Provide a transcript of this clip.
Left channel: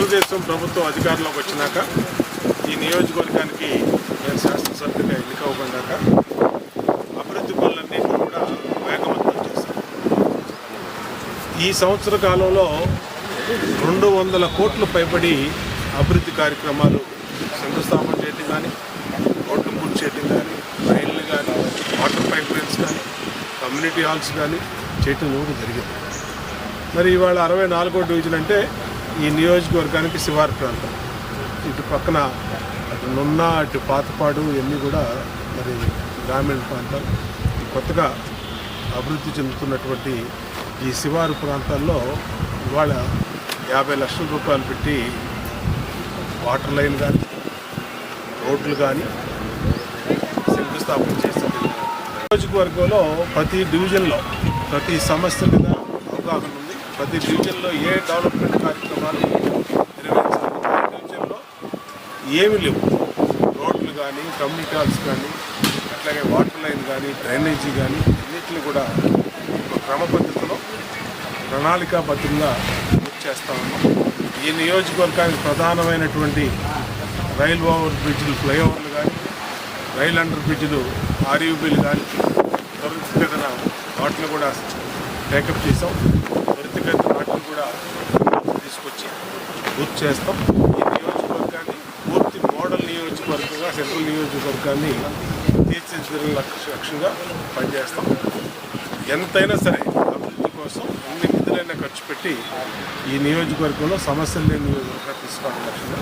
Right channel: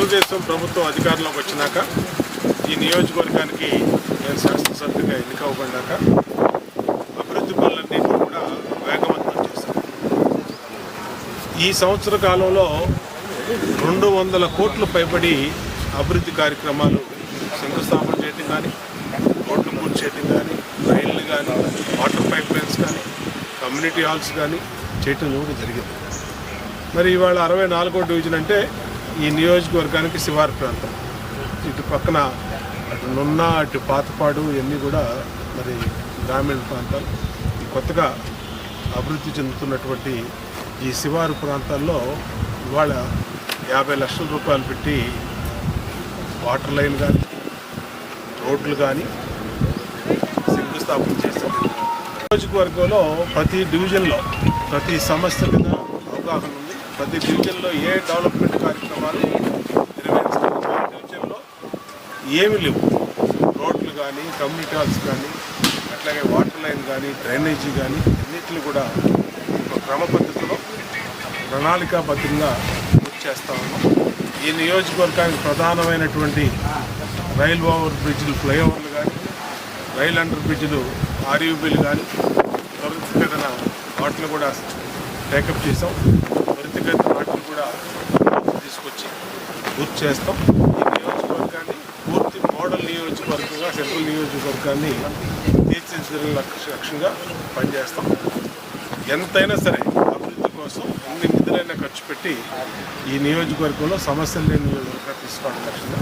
తెలుగుదేశం ప్రభుత్వం అధికారంలోకి వచ్చినాక ఈ నియోజకవర్గానికి నేను శాసనసభ్యుడిగా ఎన్నికవ్వబడ్డాక అభివృద్ధి పనులన్నింటినీ కూడా వేగవంతం చేశాం. ఈ సంవత్సర కాలంలో 200 కోట్లు పైబడి అభివృద్ధి కార్యక్రమాలు శంకుస్థాపన చేయటం కానీ, రోడ్లు పూర్తి చేయటం కానీ, రైళ్లు కానీ, వాటర్ పైప్ లైన్స్ కానీ, కమ్యూనిటీ హాల్స్ కానీ చేయటం కూడా జరిగింది. మరి ఇవాళ 64వ డివిజన్ అంటే ఈ నియోజకవర్గానికి శివారు ప్రాంతం. ఇటు పక్కన అటు నున్న, అటు పాతపాడు ఇవన్నీ కూడా మరి గ్రామీణ ప్రాంతాలు. ఈ కొత్తగా అభివృద్ధి చెందుతున్నటువంటి ఈ శివారు ప్రాంతాల్లో ఇవాళ 50 లక్షల రూపాయలు పెట్టి వాటర్ లైన్ కానీ, రోడ్లు కానీ శంకుస్థాపన చేస్తుంది. నియోజకవర్గంలో ప్రతి డివిజన్లో ప్రతి సమస్య మీద అవగాహన ఉంది. ప్రతి డివిజన్లో ఏ డెవలప్మెంట్ కార్యక్రమాలు నిర్వహించాలి, ఏ డివిజన్లో ఏమి లేవు, రోడ్లు కానీ, కమ్యూనిటీ హాల్స్ కానీ, అట్లాగే వాటర్ లైన్ కానీ, డ్రైనేజీ కానీ అన్నింటినీ కూడా ఒక క్రమ పద్ధతిలో ప్రణాళికాబద్ధంగా పూర్తి చేస్తూ ఉన్నాం. ఈ నియోజకవర్గానికి ప్రధానమైనటువంటి రైల్ ఓవర్ బ్రిడ్జ్లు, ఫ్లైఓవర్లు కానీ, రైల్ అండర్ బ్రిడ్జ్లు, ఆర్యూబీలు కానీ త్వరితగతిన వాటిని కూడా టేకప్ చేసాం. త్వరితగతిన వాటిని కూడా తీసుకొచ్చి పూర్తి చేస్తాం. ఈ నియోజకవర్గాన్ని పూర్తి మోడల్ నియోజకవర్గంగా, సెంట్రల్ నియోజకవర్గాన్ని తీర్చిదిద్దే లక్ష్యంగా పనిచేస్తాం. ఎంతైనా సరే అభివృద్ధి కోసం అన్ని నిధులైనా ఖర్చు పెట్టి ఈ నియోజకవర్గంలో సమస్యలు లేని నియోజకవర్గంగా తీసుకోవడం లక్ష్యంగా